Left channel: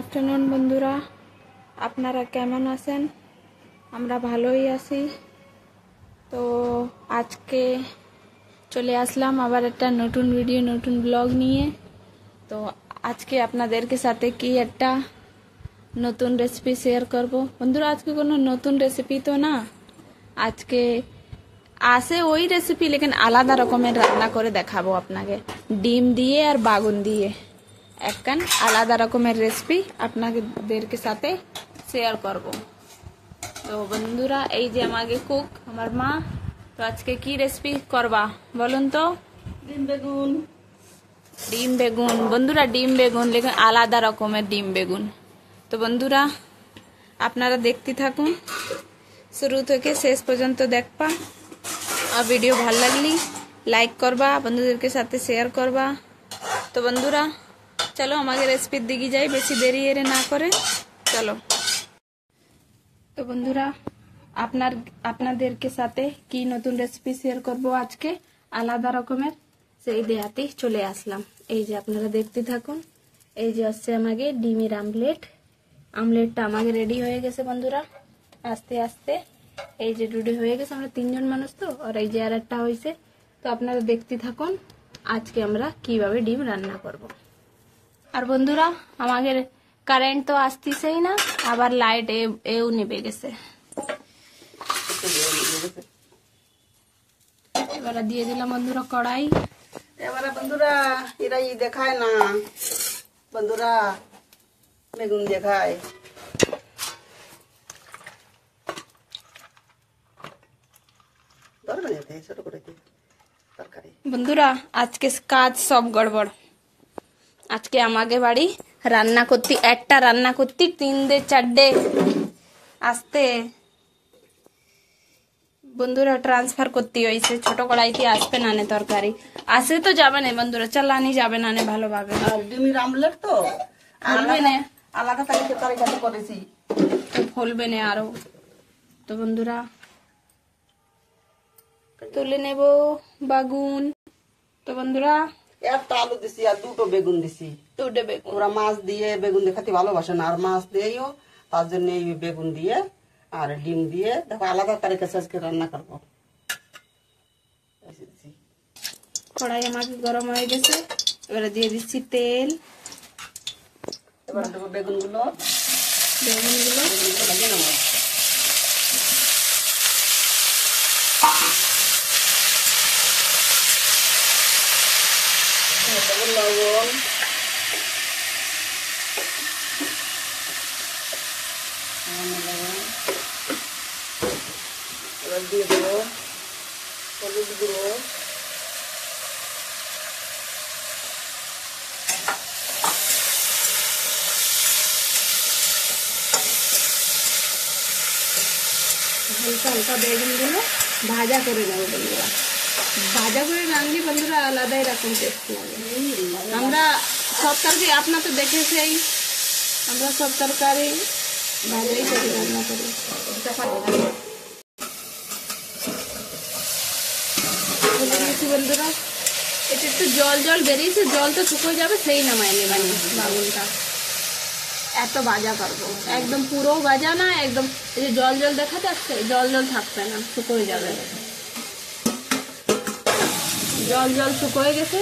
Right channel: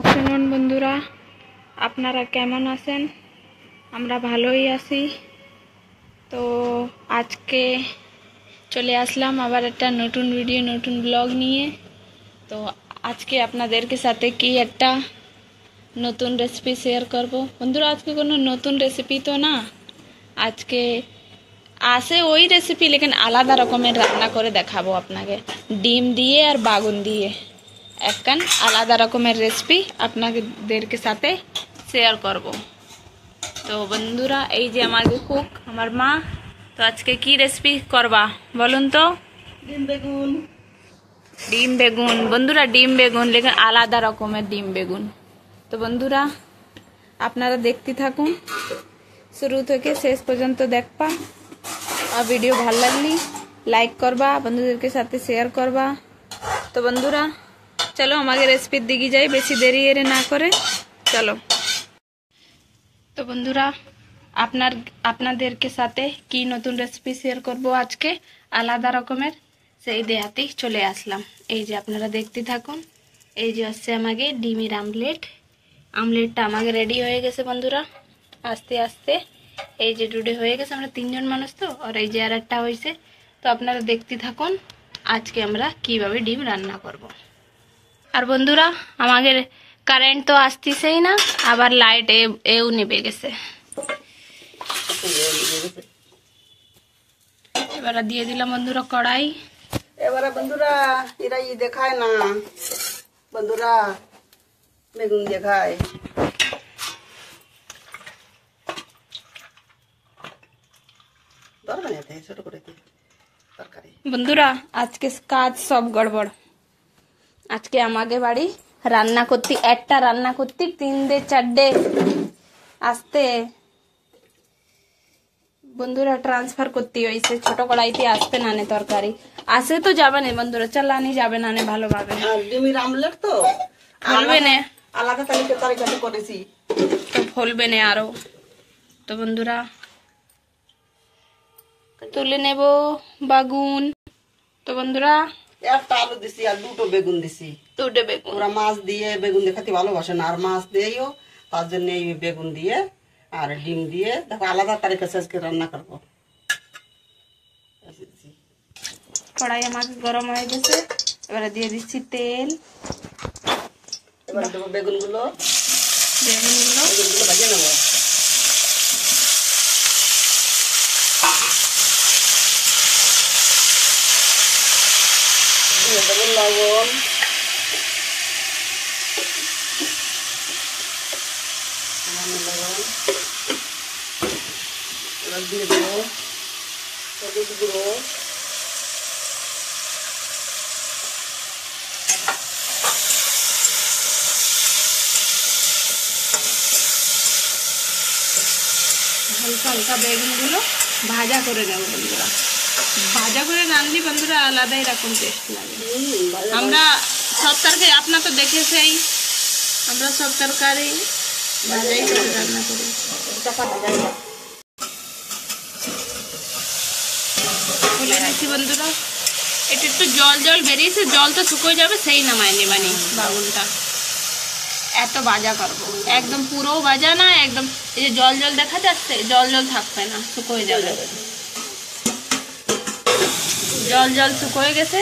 Afternoon বন্ধুরা, আপনারা কেমন আছেন? আমরা ভালোই আছি। তো আজকে চলে আসলাম আবার একটা নতুন ভিডিও, নতুন ব্লগ নিয়ে। তো আজকে আপনাদেরকে সাথে কি একটা নতুন রেসিপি শেয়ার করব বন্ধুরা। আজকে কোনো নতুন রেসিপি তো না, আজকে আছে ওই রেসিপি, লেকিন আলাদা রকমের রান্না করে দেখাবো আপনাকে, ডিম দিয়ে আর বাগুন দিয়ে একখান আলাদা রকমের রেসিপি আপনাদেরকে সাথে শেয়ার করব। তো বন্ধুরা, এই যে আমাকে কুক আমার মা, তো আজকে কি রেসিপি করবা বলুন তো? ডিম বেগুন। ডিম বেগুন বন্ধুরা, ডিম বেগুন, লেকিন আলাদা রকমের ডিম বেগুন। তো বন্ধুরা আপনারা দেখতে থাকুন, শুরু থেকে শেষ পর্যন্ত দেখবা। আর ভিডিও ভালো লাগলি লাইক করবা, বন্ধুদেরকে সাথে শেয়ার করবা। তো বন্ধুরা চলো আমাকে রেসিপির দিকে যাই, বেশি দেরি এর না করে চলো। তো বন্ধুরা আপনাদেরকে সাথে কি নতুন রেসিপি শেয়ার করব আজকে আলাদা রকমের, সেই দেখাতেই চলে আসলাম। এই যে আপনারা দেখতে থাকুন, এই যে আসছে আমাকে ডিমের আমলেটটা আমাকে রেডি হয়ে গেছে বন্ধুরা। আস্তে আস্তে এই যে রেডি হয়ে গেছে, আমরা তিনজন মানুষ তো, আর এই যে আর একটা হয়েছে। তো আপনারা দেখতে থাকুন আজকে আমরা কিভাবে ডিম রান্না করব। আর বন্ধুরা আমাদের কারেন্ট তো আসতেছেই না, আবার লাইট এও নেবে গেছে। এবার দিয়ে দিলাম বন্ধুরা কড়াই। এবারে বন্ধুরা এরা দেখায় না, বন্ধুরা বেগুন দেখায়। ছোট করে তরকারি বন্ধুরা আজকে কাজ সব গড়বড়। আজকে আমাকে বাড়ি রান্না করতে, একটা রান্না করতে 3-4 আসতে বন্ধুরা ট্রান্সফার করতে হয়েছে। ছোট কড়াইতে আসবে না নে তরকারি, আসে তো যাবে না বন্ধুরা, চালানি যাবে না নে ভালোভাবে। ডিমের আমলেট তো ফলবে না, আলাদা তরকারি করেছি তো ফলবে না আরো। তো বন্ধুরা তুলে নেব বাগুন। তো বন্ধুরা একটা আলু দিছি আর দুটো বেগুন দিছি। দুটো বেগুন, ওরা মাছ দিয়ে বেগুন দিয়ে খেতে ভালোবাসে না, আর মাছ দিয়েও তার জন্য এই বেগুন দিয়ে আর ডিম দিয়ে দেখো আলাদা তরকারি আজকে রান্না করবো। কড়াই আমার গরম হয়ে গেছে, এবারে দিয়ে দিচ্ছি তেল। এবার দেবো বেগুনগুলো ভাজে নেবো। দেবো লবণ, এবার দিয়ে দেবো হলুদ গুঁড়ো, হালকা হালকা বেগুনগুলো ভাজা করে নেব বন্ধুরা। ভাজা করে রাঁধলি বন্ধুরা আলাদাই রকম টেস্ট লাগে। আমরা সব তরকারি আপনার তো দেখেছেই, আমরা সব তরকারি ভাজাই করে রান্না করি। খুলে নিচ্ছি বন্ধুরা, এটা একটু জল জল বেরিয়েছে, জলটা শুকিয়ে যাবে সেই নামায় নেবানি বাগুনটা। এত ভাজা করবো, একদম পুরো ভাজা না, একদম এই যে জল জল দেখা যাচ্ছে, জল জল থাকবে না, শুকিয়ে যাবে। জল জল শুকিয়ে গেছে,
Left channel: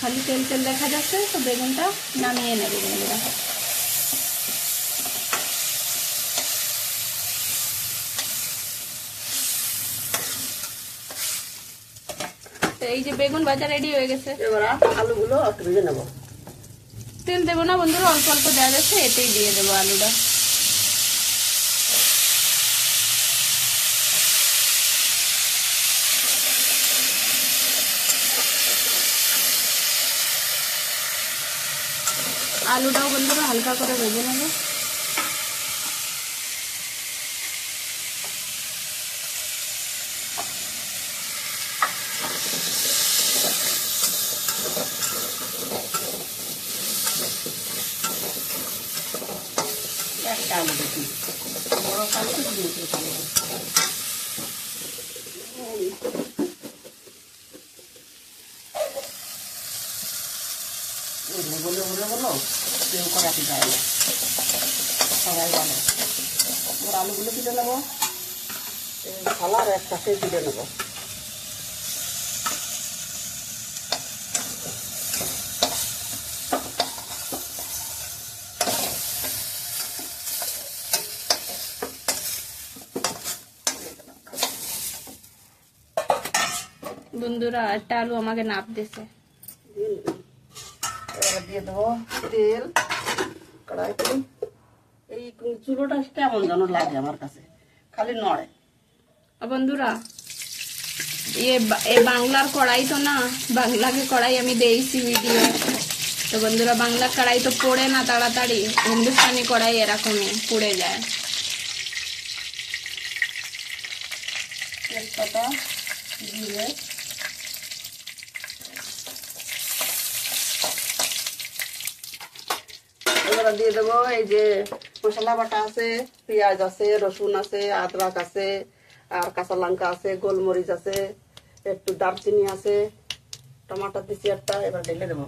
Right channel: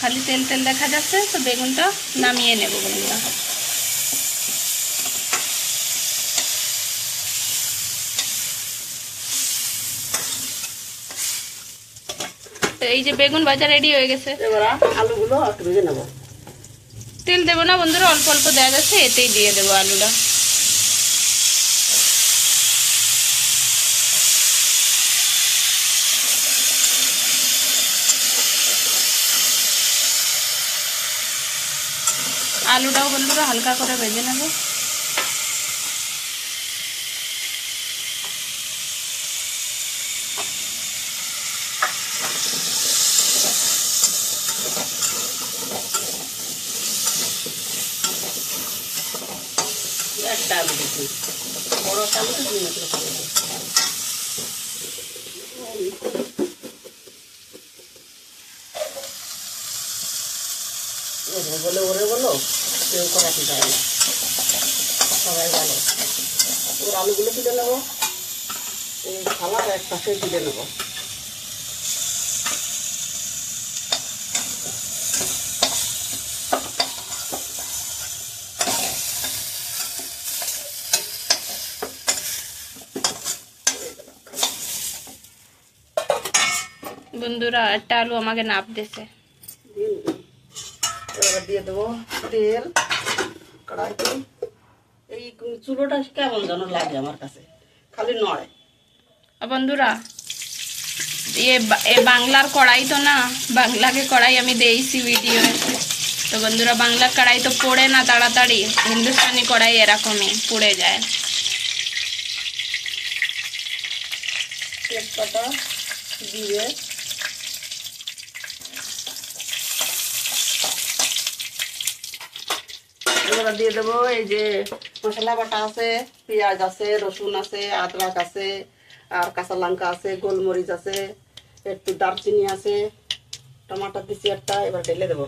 খালি তেল তেল দেখা যাচ্ছে। তো বেগুনটা নামিয়ে নেব বন্ধুরা। এই যে বেগুন ভাজা রেডি হয়ে গেছে, এবার আলুগুলো একটু ভেজে নেবো। তেল দেবো না বন্ধুরা, অল্প অল্প দেওয়া যাচ্ছে, এতেই দিয়ে দেবো আলুটা। আলুটাও বন্ধুরা হালকা করে ভেজে নেব। একটা আলু দিচ্ছি, বড় আলু বলে বলো কেউ করাতে পারে না, সবাই ভালো। এবার আলুগুলো তুলে নেবো, এই থালার এক পাশে তুলে নেবো। বন্ধুরা একটা আলু আমাকে নাপ দিছে। এবার দিয়ে দেবো তেল কড়াইতে। এই চুলোটা কেমন যেন লাগে আমার কাছে, খালি নড়ে। বন্ধুরা ये বাংলার কড়াই তো না, বাংলা के কড়াই আমি দেইছি ভিডিও। তো বন্ধুরা বাংলা কড়াই তো পোড়ে না তাড়াতাড়ি, হিন্দুস্তানি কড়াই এরকমই পুড়ে যায়। তেজপাতা দিয়ে এবার দিয়ে দেবো এই যে মশলা বাটা আছে, পেঁয়াজ আছে, রসুন আছে, আদরক আছে, আর কাঁচা লঙ্কা আছে, গোলমরিচ আছে, একটু দারচিনি আছে, টমাটো দিচ্ছি একটা। এবার ঢেলে দেবো।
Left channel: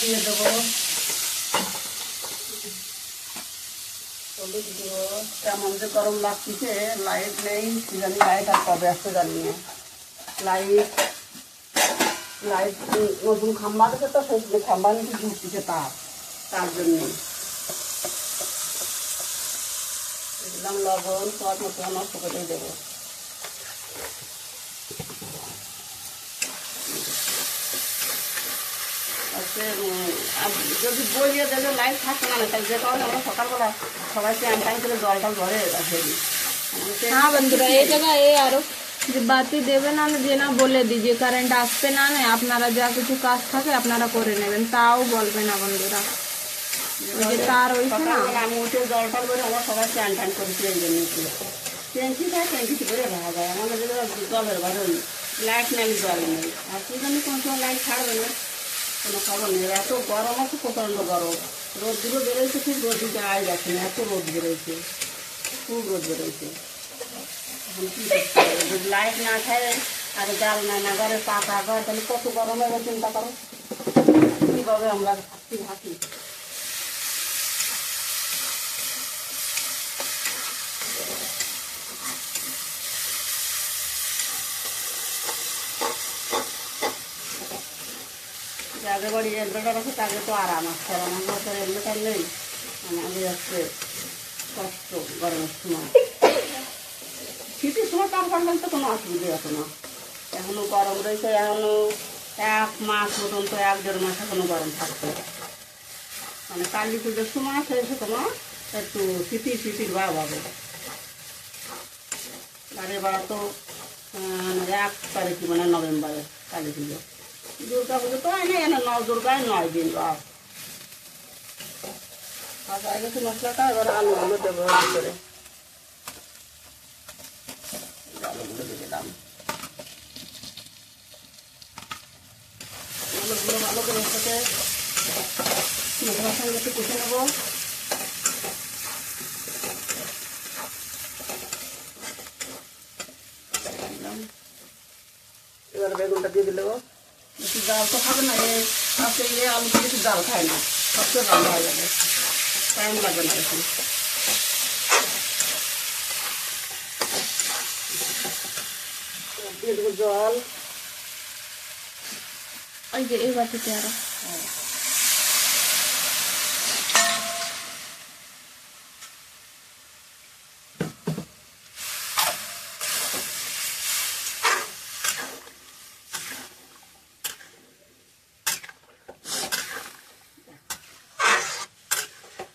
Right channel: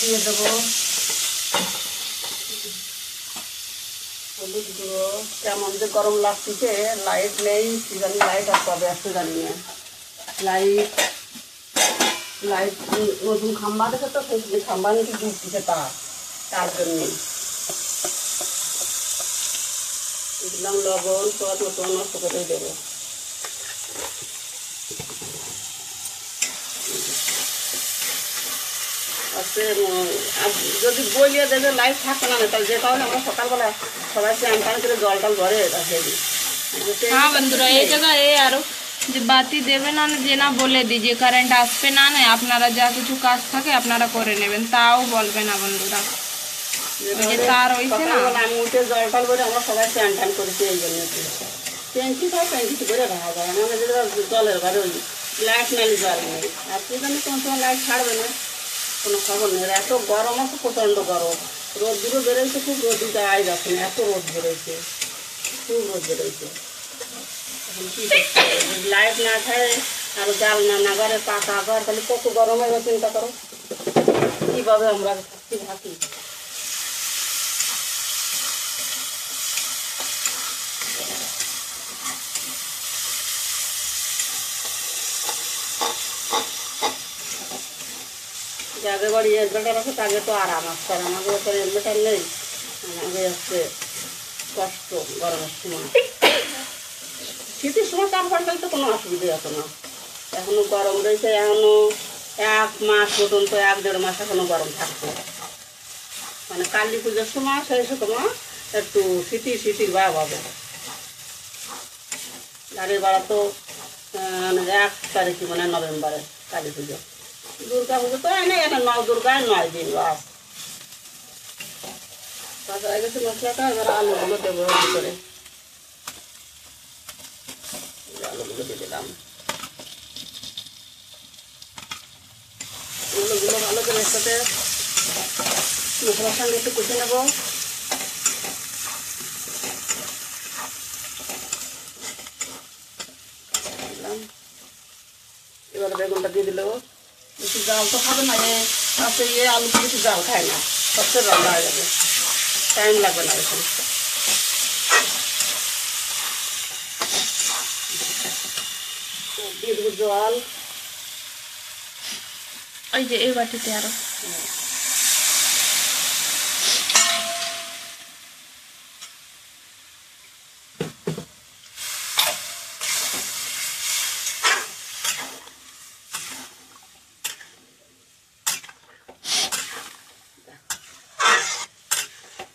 দিয়ে দেবো হলুদ গুঁড়ো। কেমন যে গরম লাগছে, লাইট নেই, কি জানি লাইট আর কবে আসতে জানি না। লাইট লাইট নতুন খাম্বা দেখে তো খাম্বা নাকি ঘুরতেছে, তার জন্যে দিলাম লবণ, স্বাদ মতো নষ্ট করে দেবো। যদি বইয়ে দেবে লাইট থাকবে না, তাই যেটা হলে আমরা সকালবেলায় সবাই স্নান টান করে জলটা ঘরে রাখিয়ে দিই। हाँ বন্ধুরা এই জায়গা এই আরো যে বাতি দেবে না যে না বলে দিই যে কারেন্ট আসবে না, আপনারা যা কিছু কাজ থাকে আপনারা করে নেবেন, তাও বলবে না বন্ধুরা। ওই যে তার হইছে না, আমি উঠে জলটা করে আমরা সবাই স্নান টান করেছি, এই জন্য ট্যাঙ্কি থাকে ট্যাঙ্কি করে রাখা যায়। আমাদের জলের ঘরে ওই লাইট নালি জল নেই, আর কি জানি কোন সময় লাইট ছাড়বে না, কোনো খবর নেই। এত গরম আছে, প্রচণ্ড গরম, রোদগুলো বেরোচ্ছে, খুব রোদ গায়ে যাচ্ছে না, এত রোদ বেরোচ্ছে, খুব রোদ বেরোচ্ছে। এখন কী করতে হবে, যদি লাইট না ছাড়ে আর জাল না নাগারে পাকা ঘর, তাহলে কত গরম হবে চিন্তা করো। কীভাবে আমরা থাকি। যাদের বাড়ি এলবেটার আছে তাদের তো আরাম আছে, আমাদের তো এলবেটার নেই, আমাদের হচ্ছে কষ্ট গরমের সময়। শীতের সময় তারপর তো কোনো অসুবিধা আছে না, এখনো গরম রয়েছে, এখনো 1 মাস পর্যন্ত 1-1.5 মাস এখনো গরম থাকবে। মানে কালী পুজোর সময় সেই সময় একটু শীতির ভাব হবে। গাড়ির ভাড়া তো 1 তারিখে মানে নভেম্বরে কালী পুজো। দুর্গা পুজো তো হয় না, এখানে 9 দুর্গায় 9 দিন বাস। কাঁচা হয়ে গেছে মশলাটা, এবার আলুগুলো দেবো করে, আলুগুলো দিয়ে দিলাম। আলুগুলো ভালো করে সাথে মশলার সঙ্গে একটু কষে নেবো। এবার বেগুনটা দিয়ে দিল। বেশি জাল তো খাবে না, আজকে আলু তো বেশি জাল খায় না, সবচেয়ে রান্না হয়ে যাবে, টাইম লাগবে না বেশি। দিয়ে দেবো জল, ওই যে এই বাটিতে আরো।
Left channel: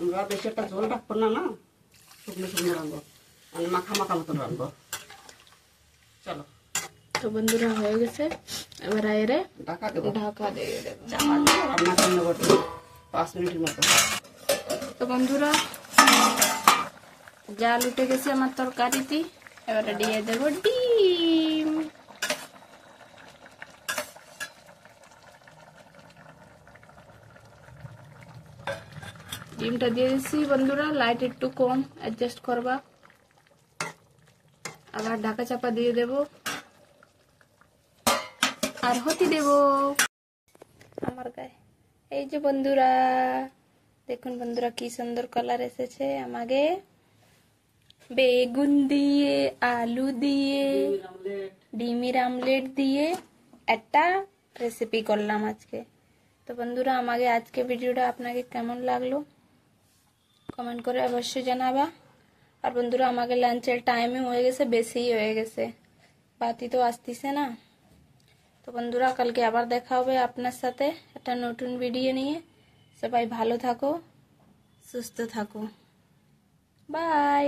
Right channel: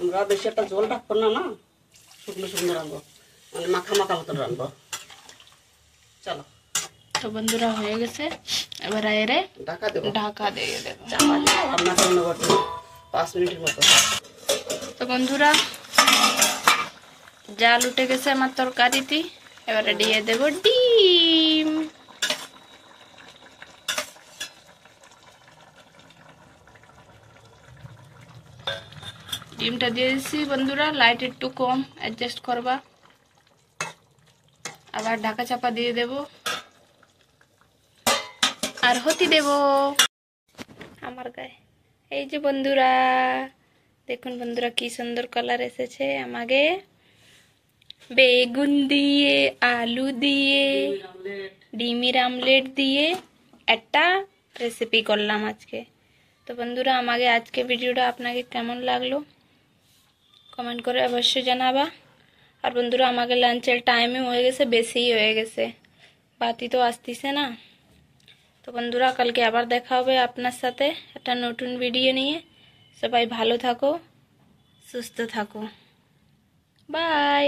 আমরা বেশি একটা ঝোল রাখবো না, শুকনো শুকনো রাখবো, মানে মাখা মাখা মতন রাখবো। চলো তো বন্ধুরা হয়ে গেছে, এবার এরে ঢাকা দেবো, ঢাকা দিয়ে দেবো রান্না করে নেবো 5 মিনিটের মতো। তো বন্ধুরা জাল উঠে গেছে আমার তরকারিতে, এবারে দিয়ে দেব ডিম। ডিমটা দিয়ে দিচ্ছি বন্ধুরা, লাইট একটু কম অ্যাডজাস্ট করবা। আবার ঢাকা চাপা দিয়ে দেব আর হতে দেব আমার গায়ে। এই যে বন্ধুরা দেখুন বন্ধুরা কি সুন্দর কালার এসেছে আমাকে, বেগুন দিয়ে আলু দিয়ে ডিমের আমলেট দিয়ে একটা রেসিপি করলাম আজকে। তো বন্ধুরা আমাকে আজকে ভিডিওটা আপনাকে কেমন লাগলো কমেন্ট করে অবশ্যই জানাবা। আর বন্ধুরা আমাকে লাঞ্চের টাইমে হয়ে গেছে, বেশিই হয়ে গেছে, বাতি তো আসতেছে না। তো বন্ধুরা কালকে আবার দেখা হবে আপনার সাথে একটা নতুন ভিডিও নিয়ে। সবাই ভালো থাকো, সুস্থ থাকো, বাই।